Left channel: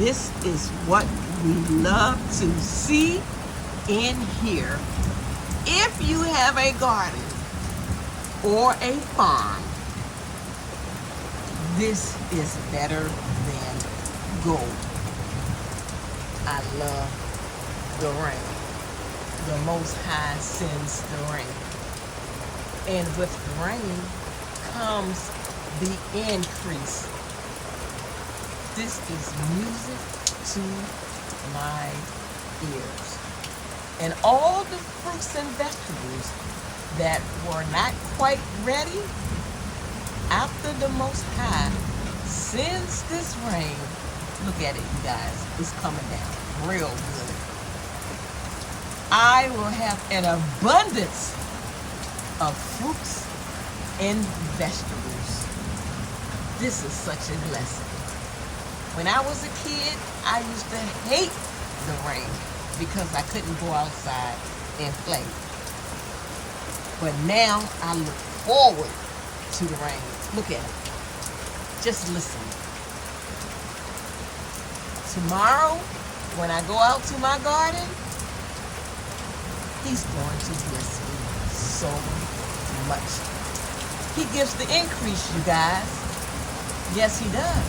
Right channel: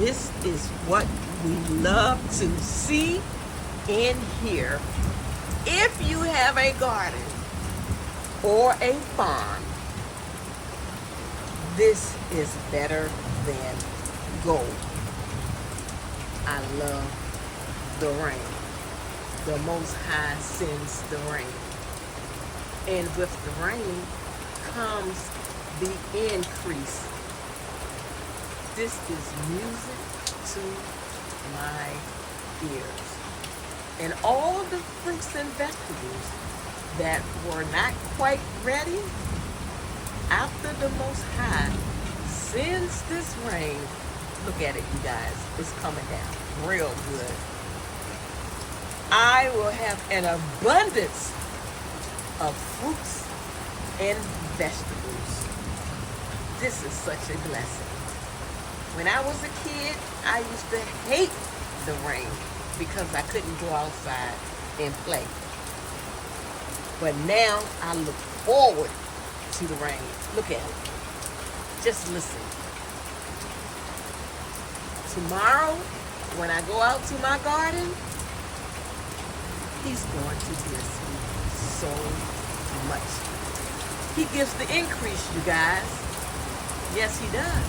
this is what we love to see and hear. If you have a garden or a farm, this is better than gold. I love the rain. The Most High sends the rain. And with the rain comes the increase. This is music to my ears. And all the fruits and vegetables that were not quite ready, after the Most High sends this rain, look at it, you guys, it's coming down real good. I will have an abundance of fruits and vegetables. This is such a blessing. When I was a kid, I used to hate the rain because I couldn't go outside and play. But now I look forward to the rain. Look at it. Just listen. Tomorrow, when I go out to my garden, He's going to bless me so much. He gives the increase, you guys. Yes, He does.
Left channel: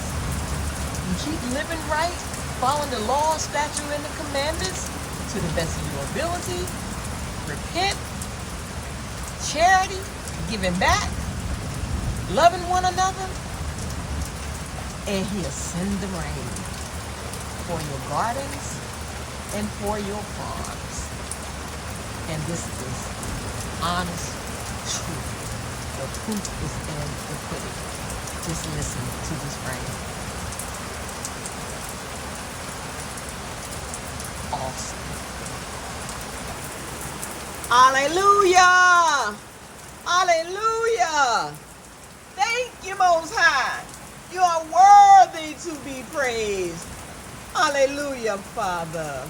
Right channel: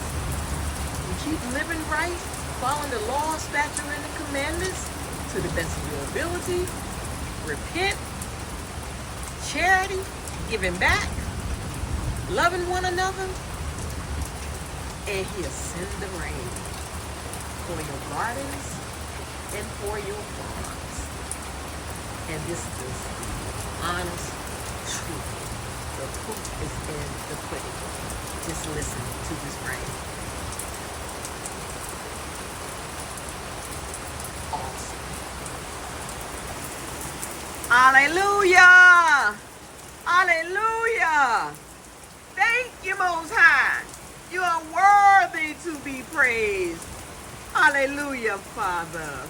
You keep living right, following the law, statute, and the commandments to the best of your ability. Repent, charity, giving back, loving one another, and He'll send the rain for your gardens and for your farms. And this is honest truth. The proof is in the pudding. Just listen to this rain. Awesome. Hallelujah! Hallelujah! Thank you, Most High. You are worthy to be praised. Hallelujah, Father.